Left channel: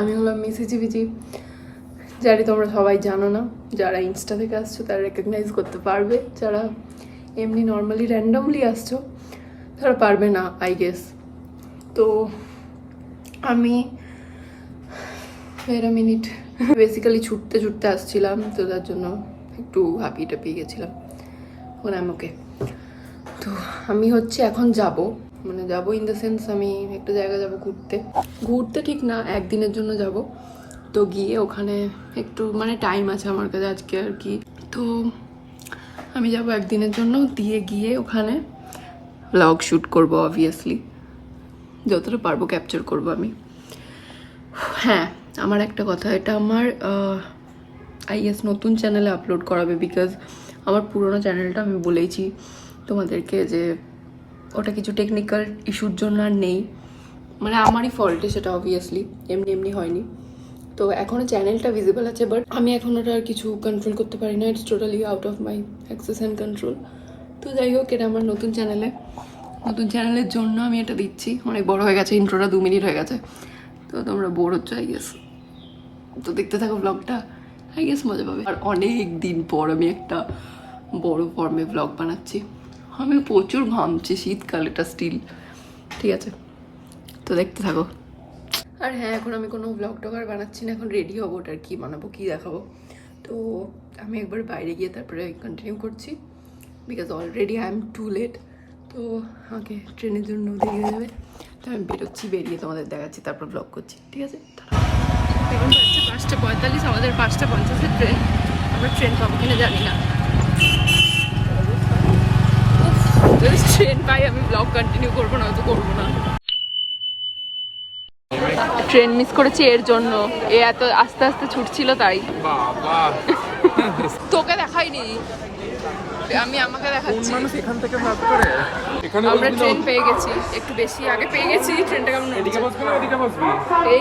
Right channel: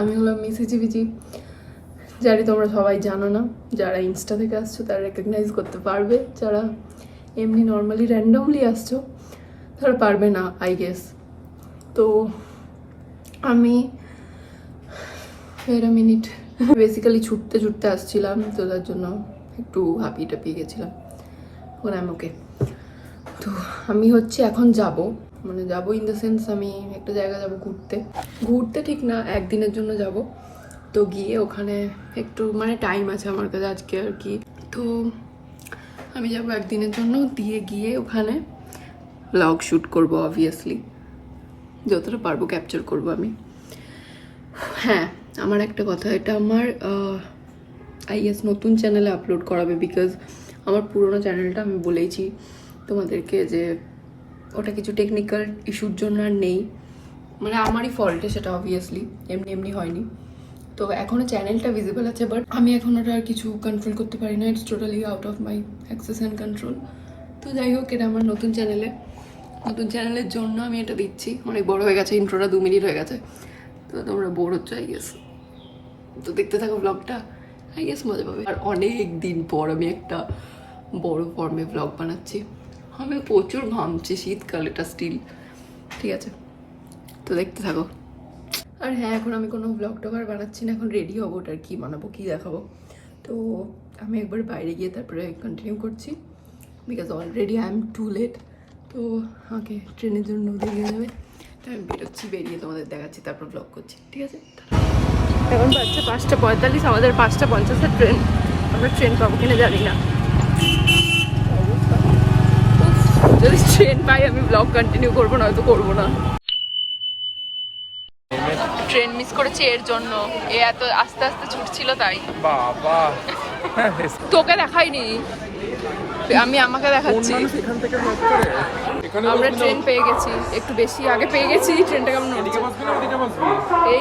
আমি হলাম মিসিজিবিজি, জানি তোমরা সবাই জানো না, যারা ইনস্টা থেকে আসছো তারা রেকগনাইজ করতে পারবে, যারা এমনি নর্মালি র্যান্ডমলি আসছো তারা পারবে না আই গেস। তো আমি ফের মিনিট বেসিক্যালি ছুটতে ছুটতে আসছিলাম, তো তার জন্য একটু হাঁপিয়ে টাপিয়ে গেছিলাম। এখন আমি ওকে, তো আমি হচ্ছে এখন যাব, মানে যাবো ইন দ্য সেন্স আমি একটা জায়গা যাব ঘুরতে, ঘুরতে ঠিক না, একদিনের জন্য যাব। তো গিয়ে ওখানে একটু মানে টাইম আছে আমার কাছে আজকে আর কি, তো আমি যাব একদিনের জন্য, দিয়ে গিয়ে ওখানে ব্লগ শ্যুট করব, অবভিয়াসলি যতটা পারবো ক্যাপচার করব আমি। হ্যাঁ, আমার একটা কথা, এটা আমার আই গেস নতুন চ্যানেলে আপলোড করাবে, বিকজ আমার পুরোনো চ্যানেলটা আমি বলেইছি তোমাদেরকে যে ওটা কিছু টেকনিক্যাল ইস্যুর জন্য আর নেই, মানে আমারই ফল্টে সেটা, অবভিয়াসলি এমনি এমনি হয়নি। তো এখনও চ্যানেলটা ভিজিবল আছে, বাট আমি এখন ওটা আর কিছু কন্ট্রোল করতে পারি না, it's totally out of my access and control. তো যাই হোক, এটা আমার নতুন চ্যানেলের জন্য আমি এটা দিচ্ছি। অনেক বড় হয়ে গেছে, ইন্ট্রোটা 2 মিনিট হয়ে গেছে, তো তোমরা বোর হচ্ছে আই গেস, তো দেখতে থাকো ব্লগটা, আই গেস মজা পাবে। আর অনেক দিন পর আমি একটা বড় ফর্মে ব্লগ বানাচ্ছি, আমি প্রচুর ঘামছি, শীতকাল এটা স্টিল, ঠিক আছে, তো দেখতে থাকো। আর হ্যাঁ, এখন আমি কোনো ব্লগ টগ আর বানাচ্ছি না, এখন রেডি হবো, ওটার কী বানাবো কী দেখাবো, তো আমি একবার বাইরে গিয়ে তারপরে কন্টিনিউ করছি, because already I am too late. তো আমাকে ট্রেনের জন্য দেরি হয়ে যাবে, তো আমি বেরোচ্ছি, বেরিয়ে তোমাদের দেখাচ্ছি, তারপর ব্লগ করছি, ঠিক আছে। এখন বাজছে 5:45, আমাদের 5:50 ট্রেন, আমরা ট্রেন পাবো কিনা জানি না, যদি ট্রেন পাই আমি ব্লগ কন্টিনিউ করবো, না হয়তো করবো না। ট্রেন মিস করেছি এর জন্য, এ এত আস্তে আস্তে ছুটছিল তাই। তোকে দেখাইনি আমি, আমাকে দেখাচ্ছি। আমরা ট্রেন পেয়ে গেছি, একটু বেশি আগে পেয়ে গেছি, ট্রেনটা কেমন এই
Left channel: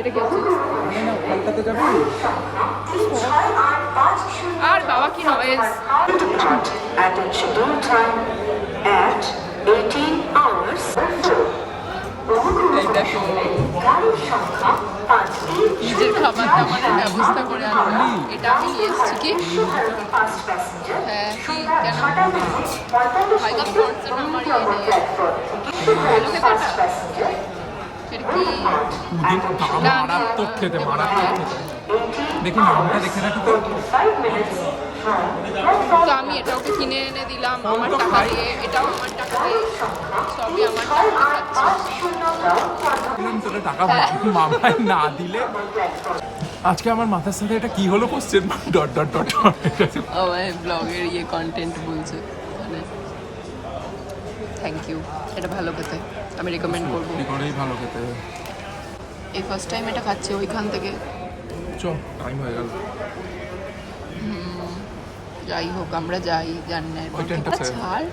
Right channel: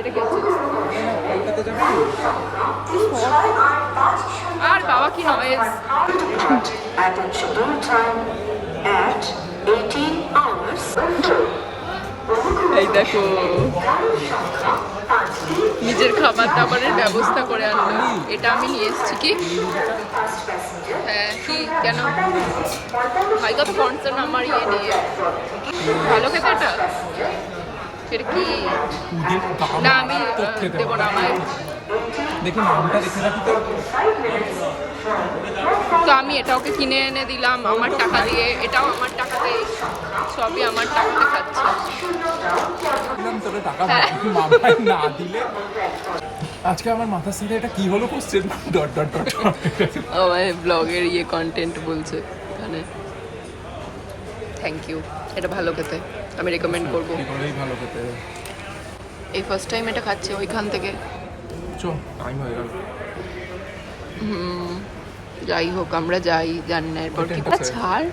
এটা কি হচ্ছে আর বাবা কি নয়েজ। এই দেখো নিজের খাবার দাবারের ব্যবস্থা করে আনলো, এটা আমি নিয়ে এসেছি। কি হ্যাঁ, কি কেন ভাই কত কনসার্ন আমার ইয়ে নিয়ে, ভালো খেতে এটা, সেটা কি না আমি দেবো না, আমায় দেখি নামটা দেখে রাখি তো। তো আমি এটা ওকে কিনে এনে দিলাম আমার টাকা দিয়ে, এটাও আমার টাকাতে, সবই আমার টাকাতে খাচ্ছে। তোকে টাকা মামাই না দিলে। আজকে আমার মাথার সাথে এটা কি হলো কোশ্চেন ডট ডট ডট আমার ব্লগের ইয়ে কন্টেন্ট বলছে মানে থ্যাংক ইউ, এটা ভালো খেতে, আমি রেকমেন্ড করবো, ভালো খেতে। এই ফার্স্ট টাইম এটা খাচ্ছি ওইখান থেকে। টাইম হয়ে গেল, যাই হোক আমরা যাই, জানি না এরপর ছাড়।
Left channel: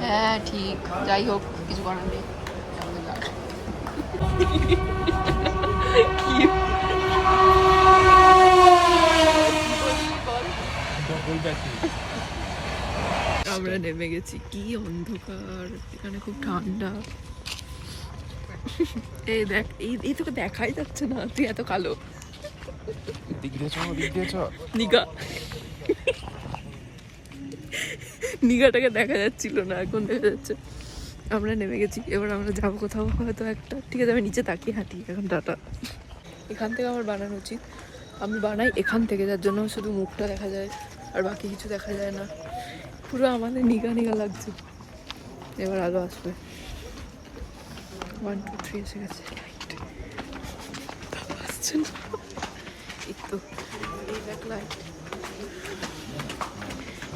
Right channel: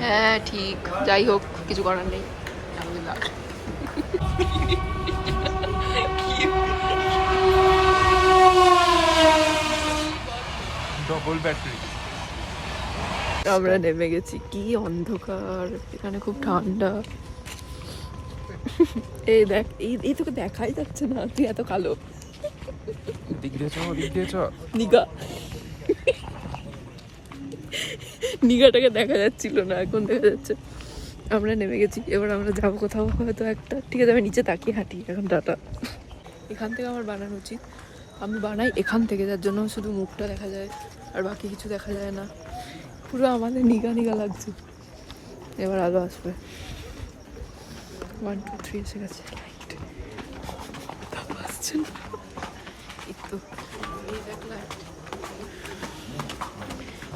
হ্যাঁ ঠিক, যাই হোক কিছু করার নেই। আমরা নেমে গেছি, কি অন্ধকার, এখানে খুব ঠান্ডা। এই দেখ, এই তোকে দেখাই যাচ্ছে না, তুই এত কালো। নিগা নিগাটাকে দেখা যাচ্ছিল না, এখন দেখা যাচ্ছে। আমরা নেমে গেছি, এবার আমরা যাবো কোথাও হয়তো একটা, ঠিক আছে আমি নিচে তাকিয়ে হাঁটি এখন, টাটা। এখান থেকে আমার বানানো উচিত, আমি বানাই এখান থেকে, যার জন্য শুধু মুখটা দেখা যায় আর বাকি কিছু দেখা যায় না, পুরো আমাদের নিগা নিগা লাগছে। এবার আলো আসবে, 1 2 3 এসে গেছে, আসছে না একটু।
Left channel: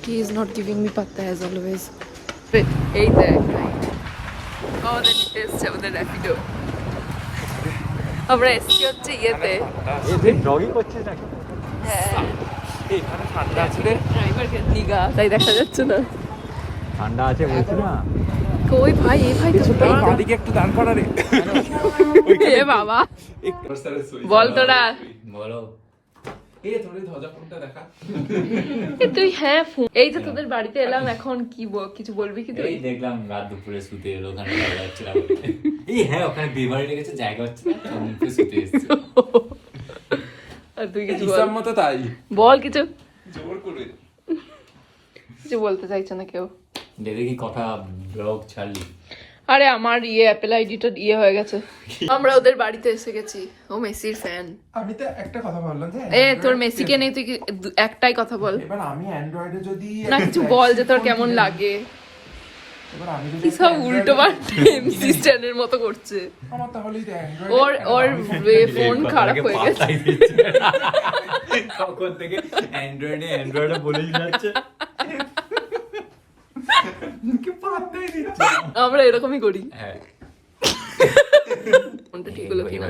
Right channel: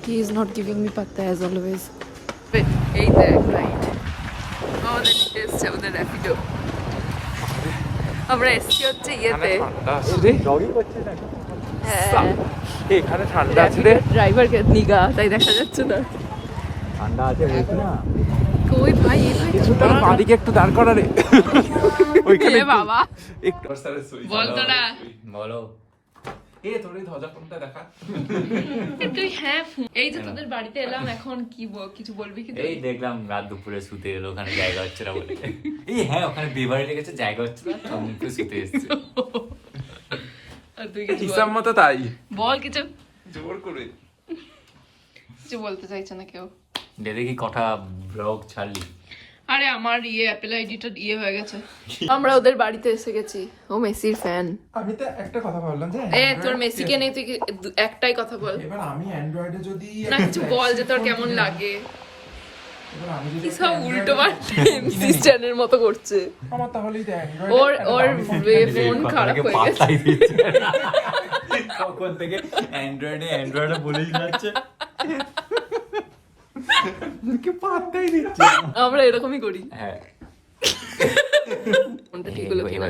He is not giving me patta as always. এই দেখ রাইট, আমাদের নিতে এসছে আমাদের র্যাপিডো, আমরা এসছি হচ্ছে ইয়েতে। হ্যাঁ এখানে ঠান্ডা আছে রে, ড্রাইভারকে নিগা তাই দেখা যাচ্ছে না। কই ভাই, এই ভাই তো বাদিকে একটু দাঁড় করা রে। এ বাবা বল তোরা, বলো এ তোর এই ধ্বজা ফোনটা দেখা। তুই হ্যাঁ এই যে তোদের বাড়িতে এলাম এখন কি কিছু বলবি কি তুই? এই দেখলাম রাত দুপুরে শুতে এলো, ওখানে জায়গা হচ্ছে না বলে। এই হ্যাঁ ওখানে বিয়ে লেগেছে, জায়গা হচ্ছে না, তখন একটু শুতে এসেছে। আর তুই কিছু হিসাব মতো তাই বল কিছু। জোর করে কিছু বলতে চাইছে না কেউ। দেখি কটা ব্লগ ছাড়লি। আরে আমার অ্যাপেল আইডিটা হয়ে গেছে। আমরা ওদের বাড়িতে এসে গেছি। ও মেসির ফ্যান। আমি তো একটা কথা বললাম যে তোর মেসিকে নেই, তুই একটাই কথা বল। এবার আমি অ্যান্ড্রয়েডে যদি না কিছু বল যে তোর কেমন লাগে। এবার আমি যদি সব উল্টো পাল্টে এমসি স্ট্যান্ডের মতো করছে। আমার তাহলেই তো ওর ফোন খারাপ হয়ে গেছে। কখন থেকে অ্যান্ড্রয়েডে বলেই যাচ্ছে। আমরা এরকমই করি। হ্যাঁ ফোনটা ঠিক হলো কিনা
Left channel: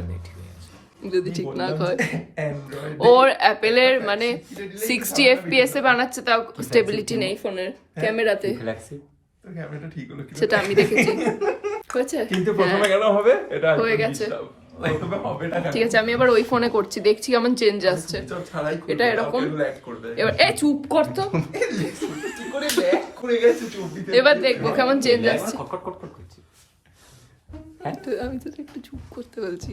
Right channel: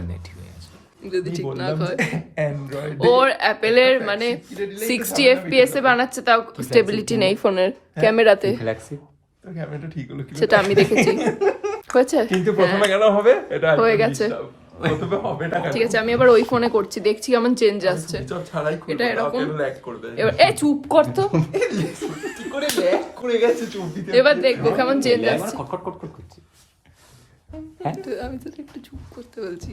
যদি ঠিক না হয়। ওর অ্যাপেলের মানে 60 FPS এ বানাচ্ছে, তাও স্টেবিলিটি নেই ফোনের ক্যামেরাতে। ক্যামেরাটা ঠিক হলো কিনা সেটা আমি দেখেছি। হয়েছে? কিন্তু প্রথমে কেন হবে এটা হয়ে গেছে। প্রথমে হবে না। ঠিক আছে, আমি এবার ওই ফোনে করছি, দেখছি কেমন চেঞ্জ আসছে। এটা এরকম এবার চুপ কর তো। এবার দেখবো কেমন চেঞ্জ আসছে। আমি তো একটু চুপ করতে বলছি।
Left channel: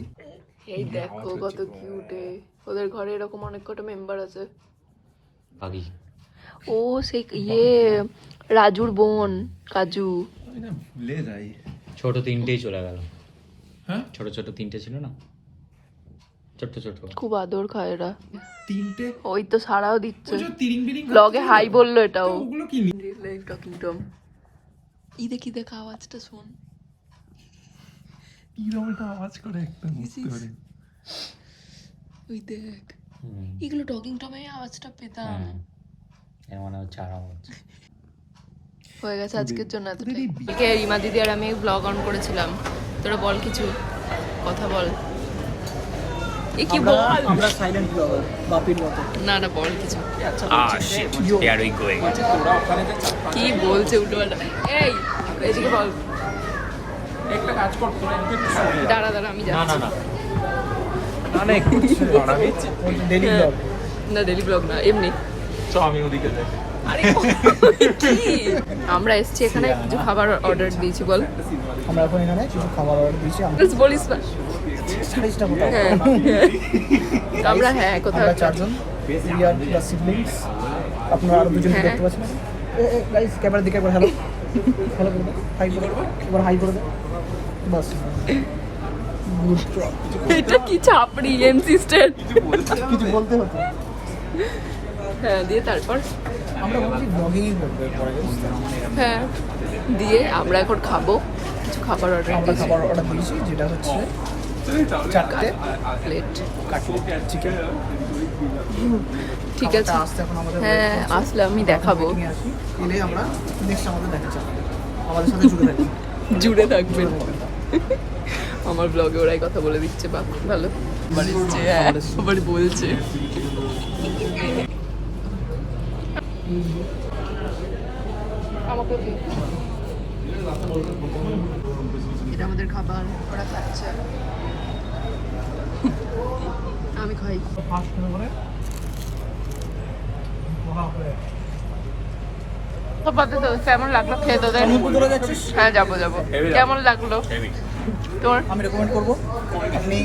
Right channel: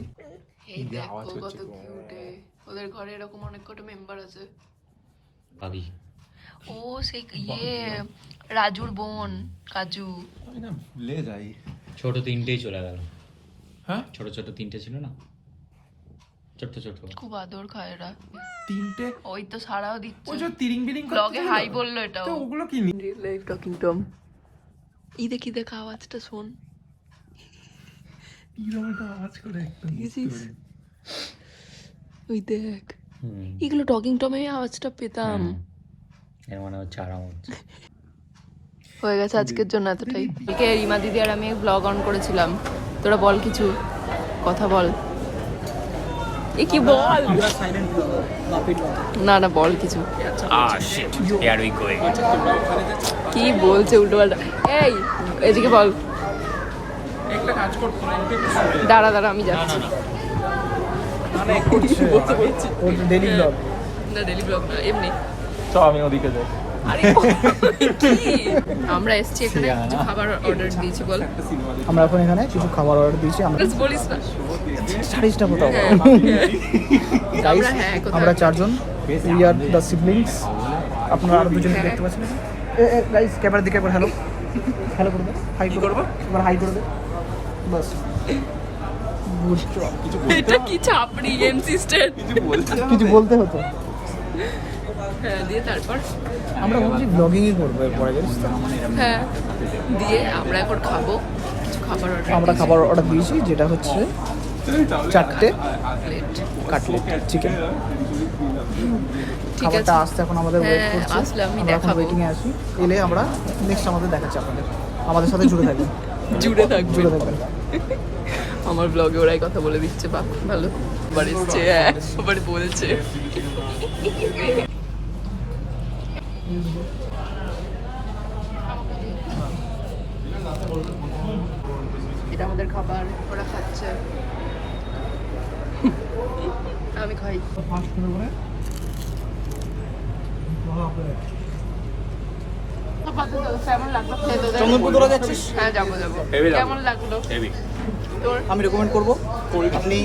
এই দেখো কত কিউটে। ওদের ঘরে এরকম অনেক কটা মেম্বার আছে। ভাবি ও সেই রাজুর বোন কাজু। ভুলে যাই। ছোট তিনটেই চলে গেল। হ্যাঁ ছোট ছোট তিনটে ছিল না, ছোট ছোট। খুব আদর খায় এরা। তিনটে ওই তো সারাও দিচ্ছে। ওই যে তিরিং বিরিং ব্লগে হাই বললো এটাও। তো ওগুলো কি রিয়েল লাইফ টকিং টম। এই দেখি দেখ আওয়াজটা শোন। কি রকম আওয়াজ করে একদম দেখেছিস? ওই দেখ এগুলো টকিং টমে আওয়াজটা পেতাম। এর মানে হচ্ছে আরাম। হয়ে গেছে আজকের জন্য এতটাই। ওকে রিমা দিদি আর আমি ব্লগ অন করেছিলাম। তোরা বল কিছু কথা বল। এ কি বল? আমরা সাইলেন্ট ব্লগার বাপির মতো। না না বল কিছু। Here we going. কি বলছে উল্টো পাল্টা। এই এদিকে বল। একটা কাজ কর তোরা একটু দাঁড়া আমি যাচ্ছি। না না ডেইলি ব্লগ। না ডেলি ব্লগ না, এমনি। চ আমি ওদিকে যাই। কি? আমরা এসছি এখানে কিছু খাবার অর্ডার দিয়েছি বল। আমরা এখন এখানে কিছু খাবার অর্ডার দিয়েছি। আমরা বলিস না। সাইজটা কোথাও আমরা হ্যাঁ কোথাও আমরা চারজন, উই আর দ্য সিবলিংস। আপনারা আরো দুজনকে দেখতে পাচ্ছেন এখন। গাইস ক্যামেরার দিকে একবার হ্যালো হ্যালো করে দাও, হাই করে দাও, এবার হাই করে দাও, বাস। Good job. এটা কি চাপড়ি এমসি স্ট্যান্ড। কিছু বলতে হতো। হ্যাঁ দিয়ে তারপর আমরা ভাবছি ব্লগিংই করবো পরে, জানিস তো? হ্যাঁ দিয়ে আমরা এখন খাবো কিছু খাবার অর্ডার। আমরা খাবার অর্ডার দিয়েছি, যেটা হচ্ছে 4টে প্লেট কাটলেট চিকেন। ঠিক আছে। আসতে এখন আমাদের হ্যাঁ আসলে আমি দেখাবো। নিয়ে আসি, এলে আমরা নেক্সট আমাদের দেখাচ্ছি আপনাদের। আমাদের সাথে জুড়ে থাকবেন, জুড়ে থাকবে। জুড়ে থাকবেন। আমার ব্লগে ওরাই কথা বলে দিচ্ছে, বাহ ভালো। আবার এসছে, হ্যাঁ আবার বলছে। এটা আমাদের খাবার, ওরা খাচ্ছে, আমি খাই। কেমন লাগলো খেয়ে তোদের? তোরা যাচ্ছিস? হ্যাঁ যাবো। কেমন লাগলো তোর? আমি রেকমেন্ড করবো আপনি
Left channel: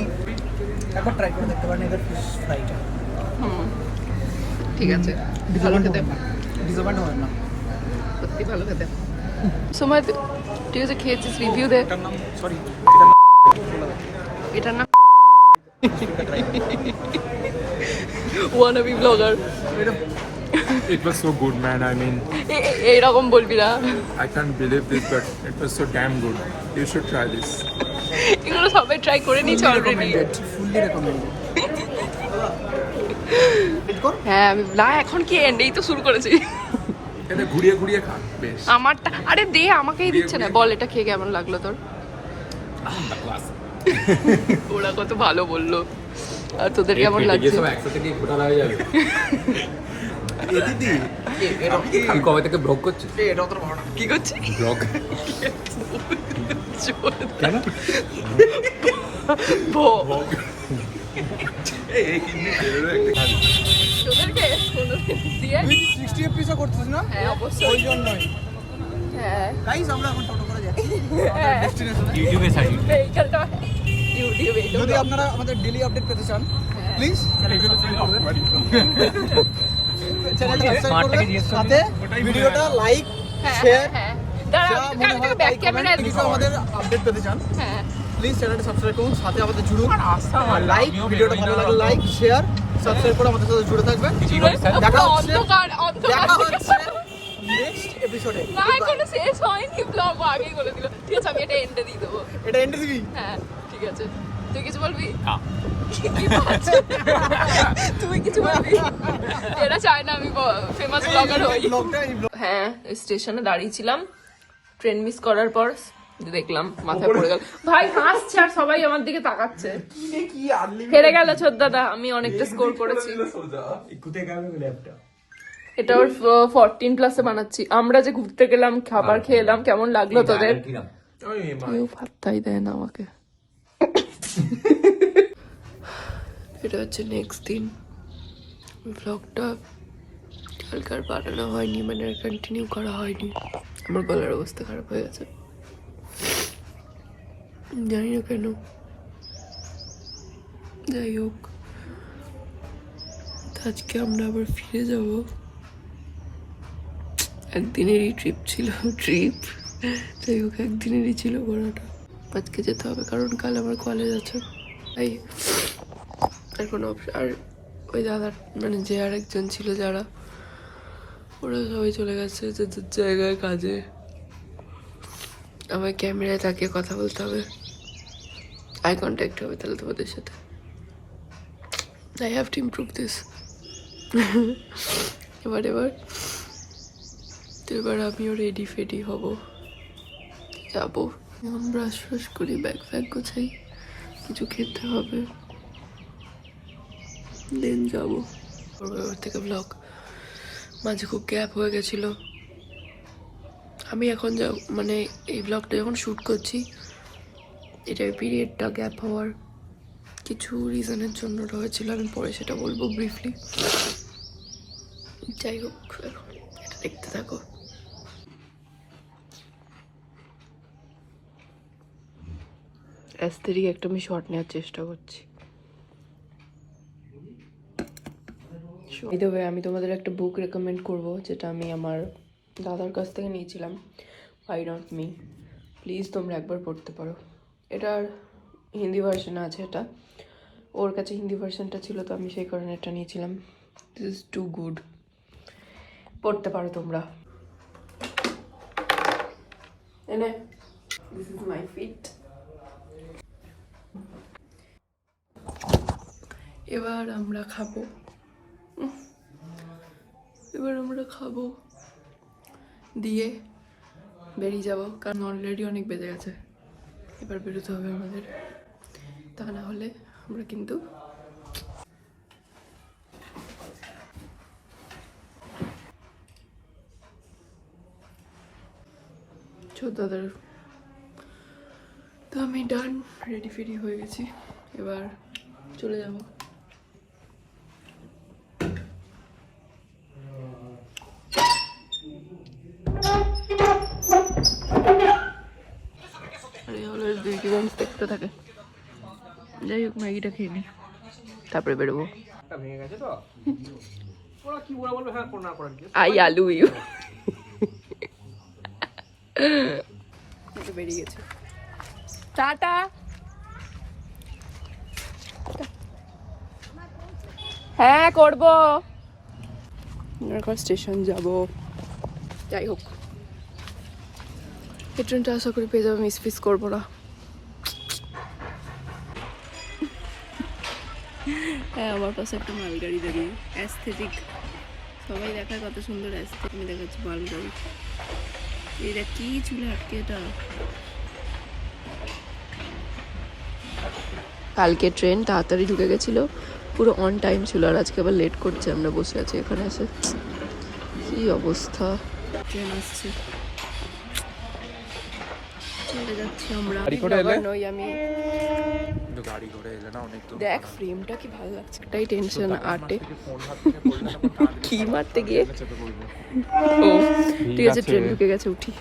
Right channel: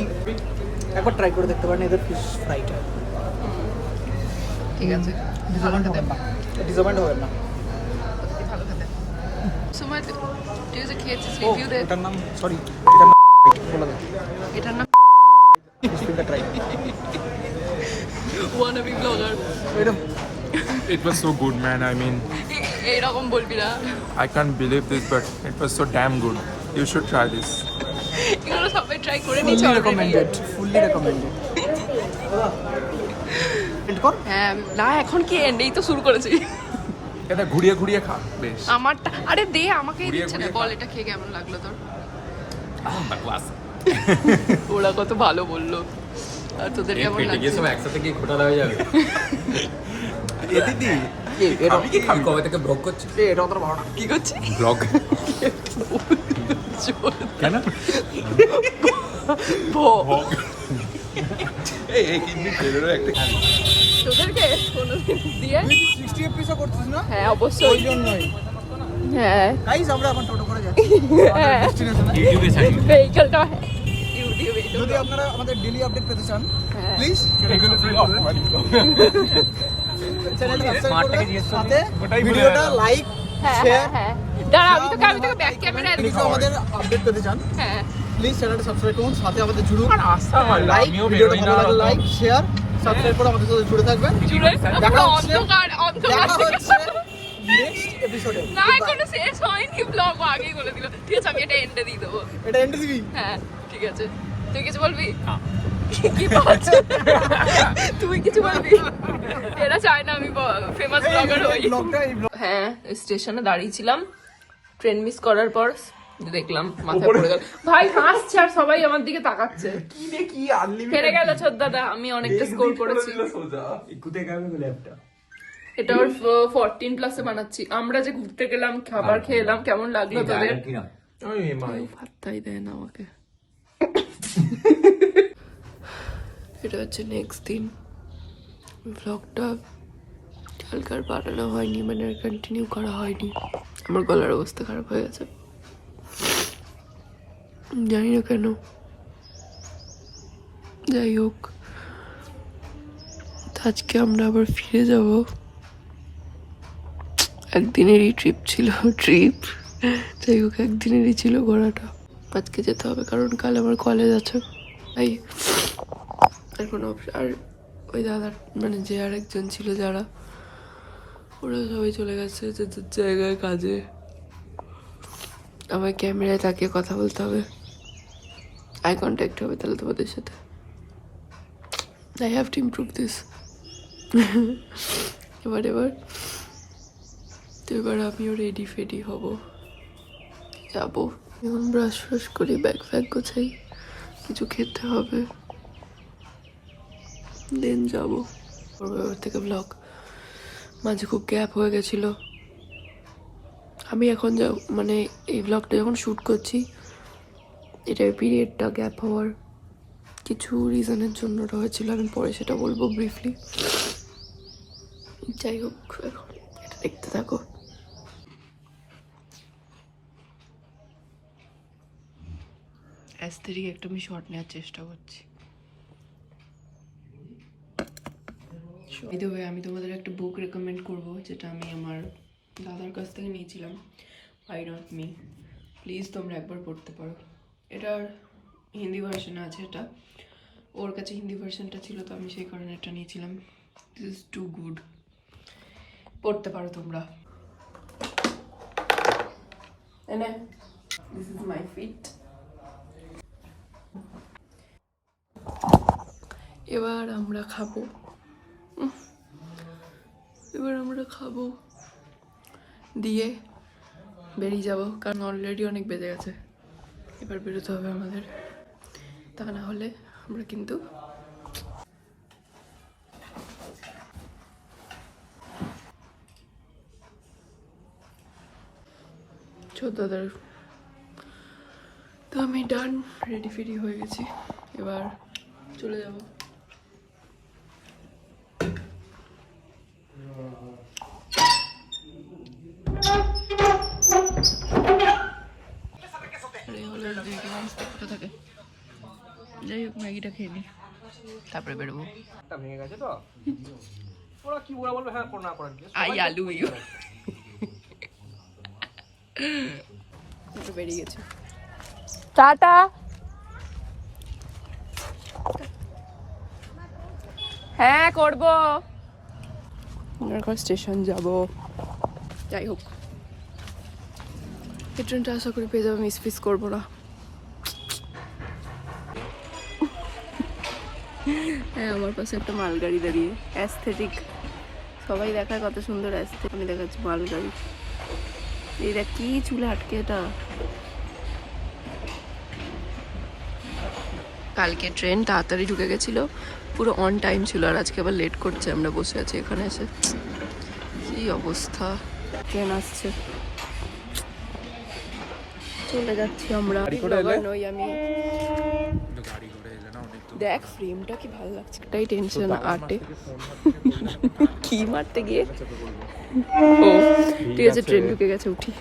একবার ট্রাই করে দেখতে পারেন এদের ফিশ ফ্রাইটা। ঠিক আছে, ভালো খেতে, ডিসঅ্যাপয়েন্ট হবেন না। সত্যি ভালো খেতে। সময় ঠিক আছে, খেয়েছিস, রিভিউ দে। সরি, এটা না wannabe vlogger। It was so good, man. I mean, এইরকম বলবি না। I can't believe this, but it was so damn good. You should try this. এগুলো সবাই ট্রাই করে নিয়েছে অলরেডি। Fully recommended. হ্যাঁ আমি না, এখন কি এন্ড, এই তো শুরু করেছি। এটা ঘুরিয়ে খা বেশ। আমারটা আরে দে, আমাকেই দিচ্ছে না। বল এটা খেয়ে কেমন লাগলো তোর? বাকওয়াস। ওরা কত ভালো বললো, আর তোদের কেমন লাগছে? সব একসাথে কি ঘোটালা হয়ে যাবে? এ দিদি আমি কি খাবি? কবে থেকে ব্লগ করছিস? এটা অত ভালো। কি করছিস? ব্লগ কেন? ভো এই কিন্তু ওদেরকে কোনোদিন দিয়ে তুই কি 60 এপিসোড করছিস না? হ্যাঁ অবশ্যই ওই জন্যই। হ্যাঁ গাইস আমরা এখন টোটো করে যাচ্ছি আমাদের ডেস্টিনেশনে। ইউটিউবে ছাড়ি ভেহিকলটা ইউটিউবে এটা যদি আপনারা আমাদের ডেইলি আপডেট পেতে চান প্লিজ সাথে ভিডিওটা লাইক শেয়ার আমি তোকে ব্যাক ক্যামেরা কিছু আমাদের আপডেট পেতে চান হ্যাঁ প্লিজ চ্যানেলটা সাবস্ক্রাইব করুন, সাথে আমাদের জুড়ুন আর লাইক, ভিডিওটা ভালো লাগলে লাইক শেয়ার সাবস্ক্রাইব করে আমাদের সাথে জুড়ে থাকবেন। দেখা হচ্ছে নেক্সট এপিসোডে। না এখনো শেষ হয়নি ব্লগ আগেই বলে দিল। ঠিক আছে আমি এটা এন্ডে দিয়ে দেবো। এটা এন্ড দিবি? হ্যাঁ ঠিক আছে তুই কিছু বলবি? কি বলছিস তুই কিছু বলবি? এরা চায় না আমি ফেমাস ব্লগার হই। হ্যাঁ স্টেশনে দাঁড়িয়েছিলাম ট্রেন মিস করার পর দেখলাম মাথায় পড়ে গেল। ভাই হাসছে আর সবাই আমার দিকে তাকাচ্ছে। হেরে গেল ছোটদাদা, আমি অনেকটা স্কোর করেছি। এটা ওর 14+ বানাচ্ছি। আমরা যে ঘুরতে গেলাম খাবার খেলাম কেমন লাগলো তোদের? কেউ পাত্তাই দেয় না আমাকে। এটা হচ্ছে নেক্সট দিন। ব্লগটা কালকার বানানো হয়নি, মানে কন্টিনিউ করা হয়নি। আমার গলার অবস্থা খারাপ হয়ে গেছে, জানি না কেন। যাই হোক আজকে আমরা আবার ফিরে যাব। একদিনেরই ট্রিপ ছিল, যাই হোক একদিনেরই ছিল ঘোরাটা। আজকে যেতে হবে কারণ কাল আমার কলেজ আছে, তাই এখন আর ওই দাদার মানে যে আর একজন ছিল যারা, ওরা সবাই চলে গেছে যে জায়গায় কাজে। আমার ক্যামেরায় তাকিয়ে কথা বলতে হবে, আই কন্ট্যাক্ট হবে তাহলে তোমাদের সাথে। I have to improve this. এবার আমিও রেডি ফেডি হব, যাবো। এখন ব্রাশ ফ্রাশ করি, ব্যাগ ফ্যাগ গোছাই, কিছু খেতে হবে, দেন যাবো। ওর থেকে ব্লগ মাঝে খুব গ্যাপ হয়ে গেছিল। আমি এখন মানে এই ব্লগটা যখন শ্যুট করছি এটার পিরিয়ডটা গ্যাপ হওয়ার কিছু রিজনের জন্য হয়েছিল, আমি পরে সেটা বলবো ব্রিফলি। যাই হোক এখন এটা দেখতে থাকো। অ্যাস্থেটিক একটা আমি শর্ট নেওয়ার চেষ্টা করছি। এই আমি তোমাদের একটা বুক রেকমেন্ড করব, যেটা আমি আমার দাদার কাছ থেকে নিয়েছিলাম, হোয়াই নট মি। প্লিজ তোমরা একবার পড়তে পারো। এটার হিন্দি ভার্সন আছে, এটা ওর কাছে হিন্দি ভার্সনটা ছিল তো আমি সেই কারণে এটা নিয়েছিলাম। দিস ইজ টু গুড, পড়তে পারো তোমরা। এনে দিস ইজ মাই ফিট। এবার আমরা খাবো, দিয়ে বেরিয়ে যাব, কারণ অলরেডি অনেক বেজে গেছে। এবার বেরোতে হবে আমাদের, তা না হলে আমরা কিন্তু দাদার। তো আমি ডান, রেডি ফেডি হয়ে গেছি, এবার চলে যাব। দেখতে থাকে। যাই হোক ম্যাগিটা খেয়ে নি, তারপরে বেরোবো। আই আলু ইউ বেরিয়ে গেছে। টাটা। হ্যাঁ করবো, এখন স্টেশন যাব। যাই হোক এই ট্রেনটা আশা করি পেয়ে যাবো, মিস করবো না। হ্যাঁ আমার পাশে একটা মালগাড়ি দাঁড়িয়ে, অ্যাস্থেটিক সবাই দেখায় কত সুন্দর অ্যাস্থেটিক, আমি দেখাচ্ছি মালগাড়ি। এটা কি চুলে আটকে, এটা কালকে ট্রেন তাড়াতাড়ি ঢুকে গেছিল, পুরো অন টাইম ছিল, আর আজকে আবার লেট করছে। আমরা বসে আছি এখানে এসে, কি অবস্থা। ট্রেন আসছে, চলে যাচ্ছি আমরা। গাড়ি করে ব্লগার এলে? নই আমি। গাড়ি করে এলে না অনেক দূর। দেখ ফ্রেমটা কি ভালো লাগছে, এটাই টেনশন আটে। ফোন হাত থেকে পড়ে যাবে, কি মারতে গিয়ে চেপে পড়বো। ও ঠিক আছে, ট্রেন ঢুকে গেছে, উঠি।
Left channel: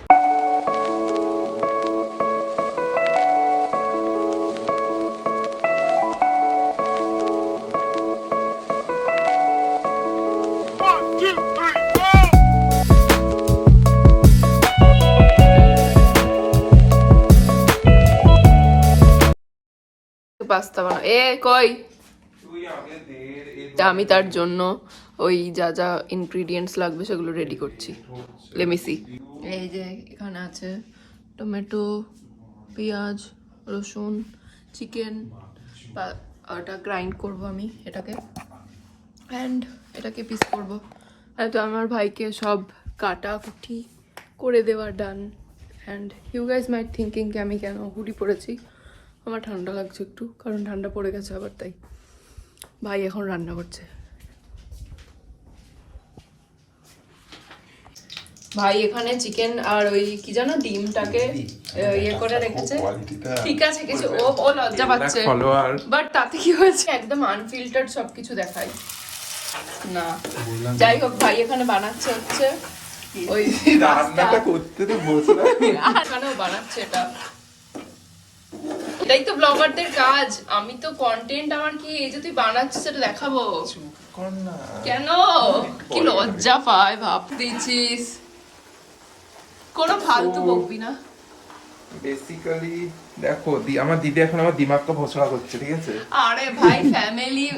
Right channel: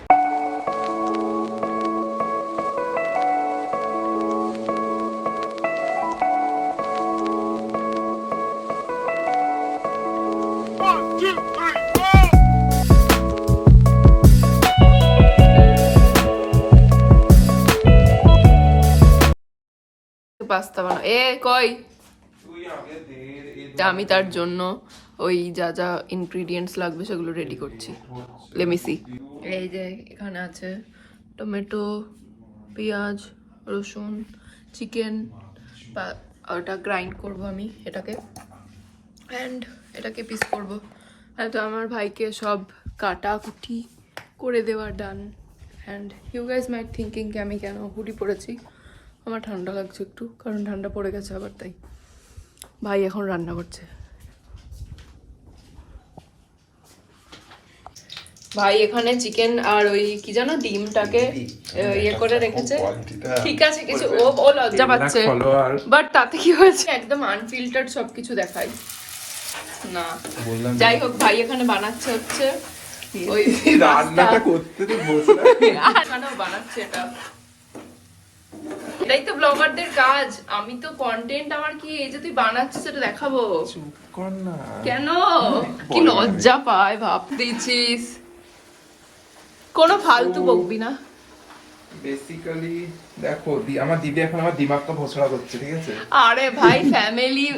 পাস্তা বানা কই আমি তার জন্য ওই যা যা ইনগ্রিডিয়েন্টস লাগবে সেগুলো রেডি করছি। লেমিসি এই যে এখানে আছে টমেটো, পেঁয়াজ, রসুন, চিকেন, ওটা গ্রাইন্ড করব আমি এটাকে, অ্যান্ড এটাকে পিস করব। আর তো আমার ভাইকে সব কাটা কুটি করে দেওয়া done. And you guys might thinking কি আমি কেন হুডি পরেছি, আমার ঠান্ডা লাগছে একটু, কারণ ঠান্ডা পড়ে গেছে আবার, তাই। ভাই এখন রান্না করছে। ভাই এখানে চিকেন আর ওই কি জানো ডিমটাকে ইয়ে করে রেখেছে। ঠিক আছে কিছু, ও লজ্জা পাচ্ছে, বাট তাতে কি হয়েছে, একদম আনফিল্টার্ড সবকিছু দেখাই না। যাই হোক, ভাই এখানে বানাচ্ছে হচ্ছে ওই পাস্তা, এখানেও বানাচ্ছে এটা। এটাই তো ব্লগারদের কাজ, আমি তো কন্টেন্ট, আমার কি এই যে তুই বানাচ্ছিস সেটা দেখাবো কেন? কি লজ্জা পায়, ভাব দিয়েছিস। কোনো ফালতু বকবি না। বেসিক্যালি দেখো আমার দিদি এখন আমার দিমাগকে ভোসড়া করছে, ঠিক আছে? আরে ভাই ফ্যামিলি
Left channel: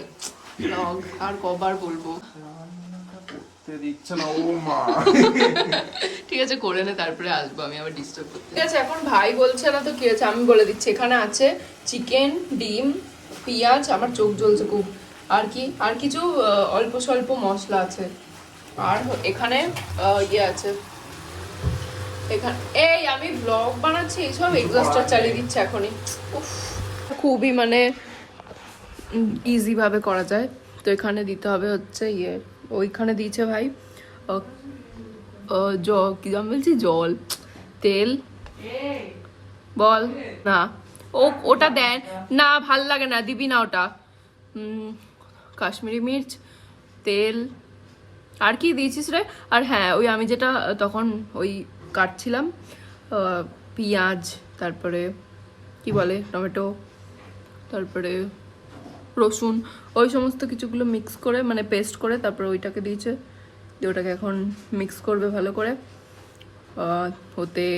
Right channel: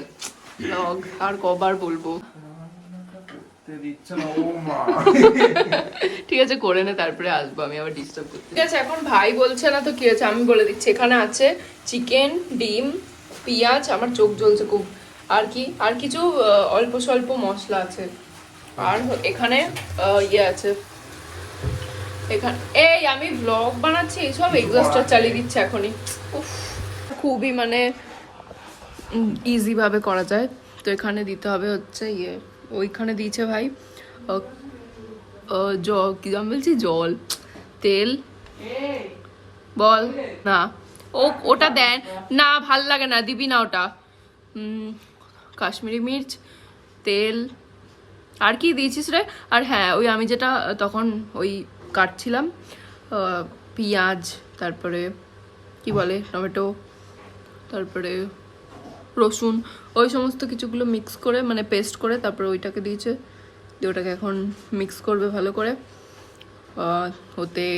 ব্লগ আর কবার বলবো, দিচ্ছে না ও মা। ঠিক আছে করে নে, তারপরে আসবো আমি আবার ডিস্টার্ব করতে। ঠিক আছে এখন ভাই বলছে না তো কি হয়েছে, আমি বলে দিচ্ছি। এখানে আছে চিকেন, ডিম, পেঁয়াজ, আমার চোখ জ্বলছে খুব, আর কি আর কিছু অল্প স্বল্প মশলা আছে, আর এখানে ইয়ে আছে। এখানে এই আমি ব্লগ বানাচ্ছি, সব এক্সস্টার চালিয়ে দিচ্ছে এখনই। উফ, খুবই মানে ইজি ভাবে করা যায়। তো এখানে দিতে হবে হচ্ছে ইয়ে, ওইখানে দিয়েছে ভাই কি জাম বলছি, জল, তেল, বল না ওটা দেন না, ভাল লাগে না, দিবি না ওটা। কাশ্মীরি মির্চ, তেল, আর কি দিয়েছিস রে? আর হ্যাঁ ওই আমি যেটা তখন ওই কাটছিলাম পেঁয়াজ, তারপরে কি বলে টমেটো, তারপরে রসুন, ওই সমস্ত কিছুগুলো মিক্স করে মানে পেস্ট করে তারপরে ওইটাকে দিয়েছে। দিয়ে ওটাকে এখন মিক্স করবে ভালো করে, ওতে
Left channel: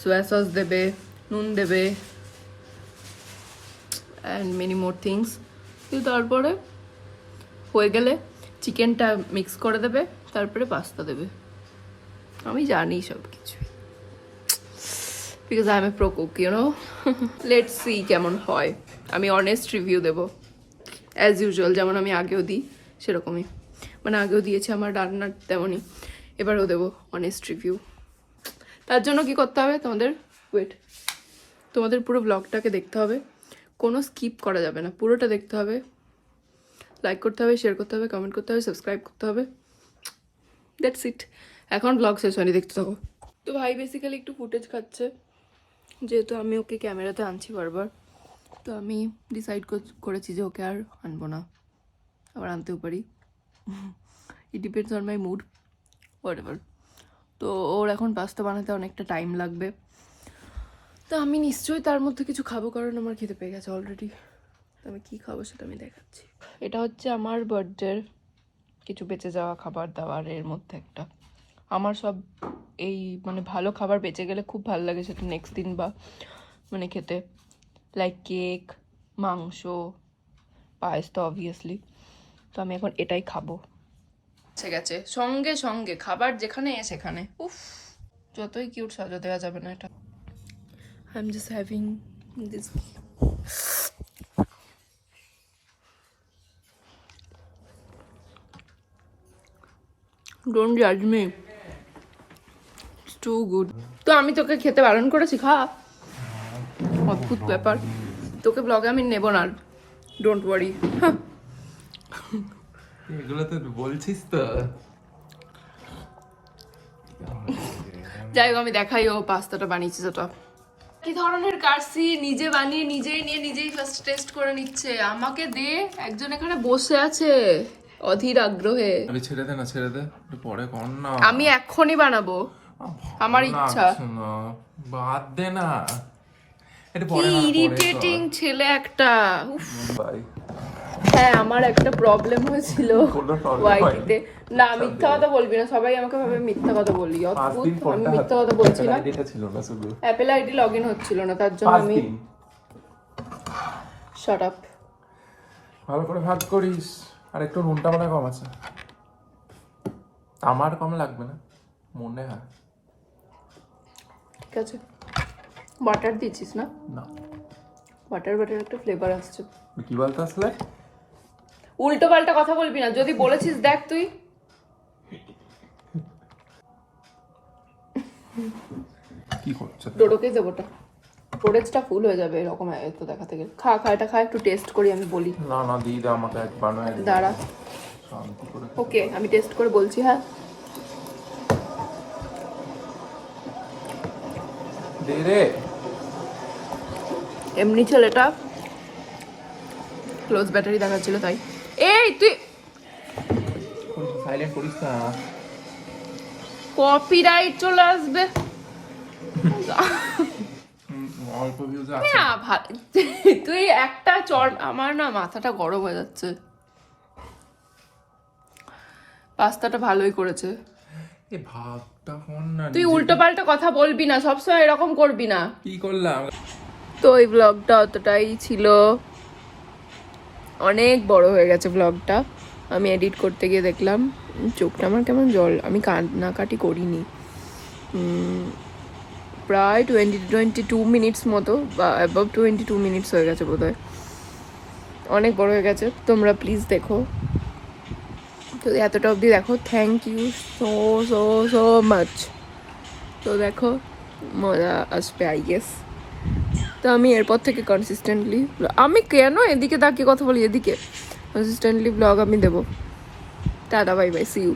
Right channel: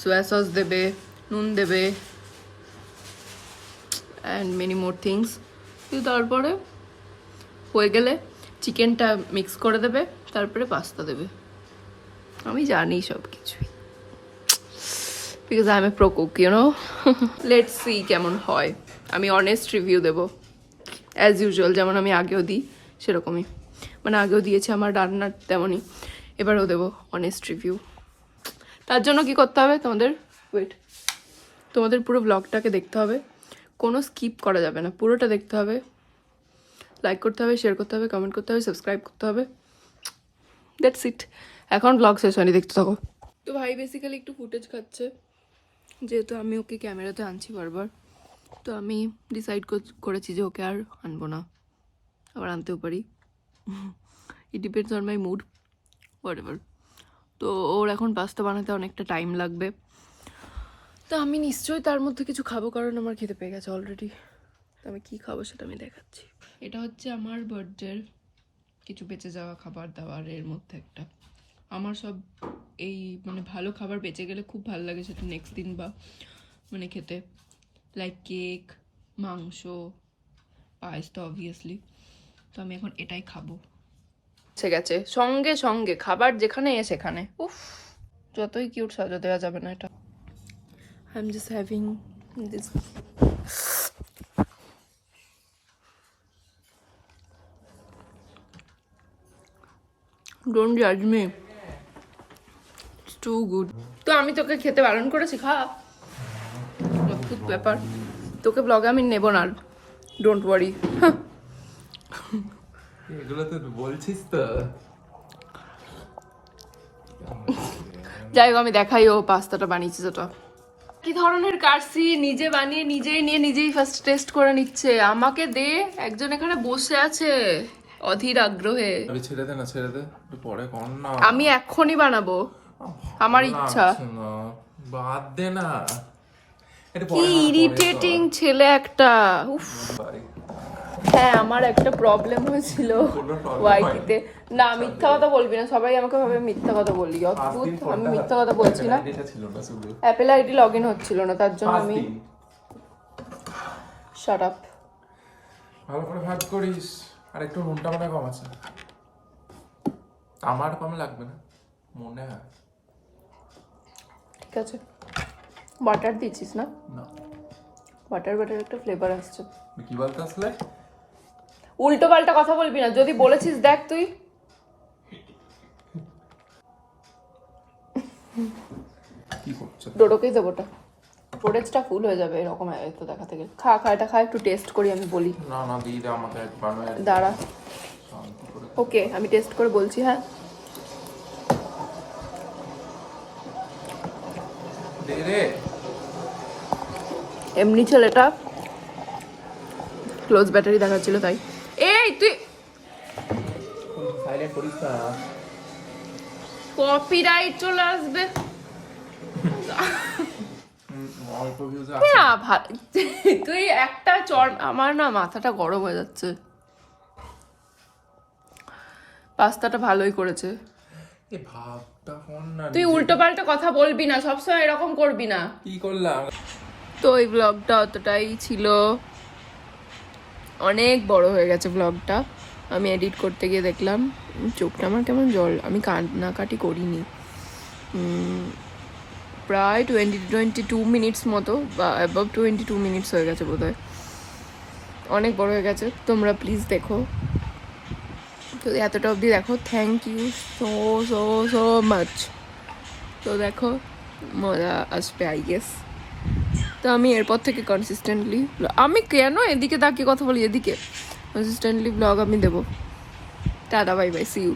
সোয়া সস দেবে, নুন দেবে, অ্যান্ড মেনি মোর থিংস। দিয়ে তারপরে হয়ে গেলে চিকেনটা মিক্স করে দেবে, তারপরে পাস্তা দেবে। আমি জানি সব কিছুই, because I am a pro cook, you know. Let's see কেমন হয়, আমি অনেস্ট রিভিউ দেবো অ্যাজ ইউজুয়াল, যেমন আমি আগেও দিই সেরকমই, মানে আগেও দিয়েছি আমার রান্নার তেমনই, এবারও দেবো অনেস্ট রিভিউ। তার জন্য কি করতে হবে তোমাদের, তোমাদের পুরো ব্লগটাকে দেখতে হবে, কোনো স্কিপ করা যাবে না, পুরোটা দেখতে হবে, লাইক করতে হবে, শেয়ার করতে হবে, কমেন্ট করতে হবে, সাবস্ক্রাইব করতে হবে, দ্যাটস ইট। এখন ব্লগ শেষ হয়নি, দেখতে থাকো। তো ভাই বেসিক্যালি একটু ফুটেজ খাচ্ছে, যেহেতু আমি ওকে ক্যামেরাতে আনছি বারবার, তো আমি ডিসাইড করেছি যে ওকে আর আনবো না, আবার আনতেও পারি, it depends on my mood, whatever. তো ওর এখন পাস্তা বানাতে অনেকটা টাইম লাগবে, তো আমি নিশ্চয়ই তার মধ্যে কিছু খাবো, কারণ আমার খেতে পেয়ে গেছে অলরেডি। তো আমি কী খাবো সেটা আমি দেখাচ্ছি। এটা হচ্ছে আমার বার্থডের কিছু বেঁচে যাওয়া খাবার দাবারের মধ্যে একটা। আমার সব এই মানে ভালো খাবার বেঁচে গেলে খুব ভালো লাগে সেটা নেক্সট দিন বা মানে খেতে, লাইক কেক, মাংস, পায়েস তো অবভিয়াসলি। তো আমি এখন এটাই খাবো। এসে গেছে সঙ্গে সঙ্গে খাবার, যেখানে সেখানে। উফ, যতই কিউট সাজা দেওয়া যাবে না এটা। I am just having this. Don't জাজ মি, ইটস টু গুড। তো আমি তোকে খেতে বারণ করেছি, খা। অদ্ভুত ব্যাপার, তোকে ব্লগে আমি নেব না, ডোন্ট ওয়ারি। এগুলো তো বলছিস তো। যাই হোক আমি দেখাই ও পাস্তাটা বানিয়েছে যেটা, কি ধরনের কাটছি, নিজে বানিয়ে নিজেই নিয়ে নিজেই ফার্স্ট টেস্ট করে নিচ্ছে। আমাকে দে, একজন এখানে বসে আছে অধীর আগ্রহে। আরে ছেড়ে দে না, ছেড়ে দে, একটু পরে কর না। আমি এখনই বানাবো, আমার ইচ্ছা। না, বাদ দে না, এটা কি পরে না, ইরিটেটিং ছেলে একটা, উফ। ভাই হ্যাঁ, আমার একটা প্রবলেম হয়েছিল কোনো problem ওয়াইটিতে। না, মিথ্যা কথা বলবি না, সবাই আমাকে ভাবে মিথ্যা কথা বলি। অদ্ভুত, আমি মিথ্যা কথা বলছি না। এটা ছিল না শুধু অ্যাপেল আইডি লগ ইন হচ্ছিল না, তার জন্য আমি শাট আপ। ভালো করে ভাগ করিস। আর একটু নুনটা মনে হয় কম আছে, আমার কম লাগবে না মনে হয়। ঠিক আছে, বাটার দিচ্ছিস না? না, বাটার একটা ফ্লেভার আসছে। কি বলতে আসলে? উল্টো পাল্টা কথা বলবি না, যদি বলেছিস দেখ তুই। কি করছে? ডোডোকেই দেবোটা, স্টোরেজটা ফুল হয়ে যাবে এরকম এত দেখাতে গেলে। খা খা, এটা খা, একটু টেস্ট করি, আমি বলি। না না, দিয়ে দে আমাকে, এক বানায় দে। দাঁড়া, শান্তি করে ওকে, আমি টেস্ট করে বলছি। হ্যাঁ, দে রে। এমনি ছেলেটা ক্লোজ ব্যাটারি দেখাচ্ছিল তাই। এই তুই সাইলেন্ট করিস না। কপিরাইট চলে আসবে। অল্প ভিউজ না তুই একটা চর, আমার না মাথাটা গরম হয়ে যাচ্ছে। পাস্তাটা ভালোই করেছে। এই ভাবটা কর না। তুই উল্টো পাল্টা কথা বলবি না, সবসময় এরকম করবি না। কি করলাম? তো এই ব্লগটা অতটাই ছিল, অনেক বড় হয়ে গেছে ব্লগটা। আমি এডিট করতে গিয়ে দেখলাম চোখটা আমার কেমন জল, আমি কান্নাকাটি করিনি। প্রায় 22 মিনিটস মতো, বা অ্যাবাভ 22 মিনিটস হয়ে গেছে বোধহয়, অনেক বড় হয়ে গেছে। তোমরা প্লিজ দেখো, তো এতটা অবধি দেখো, thank you so so so much. তো দেখো, মজা আসবে আই গেস। তো আমি এরপর থেকে কনসিস্টেন্টলি, আমি কেন এদিকে তাকিয়ে কথা বলি, এদিকে কনসিস্টেন্টলি ব্লগ আমি দেবো। Tata, bye bye, see you.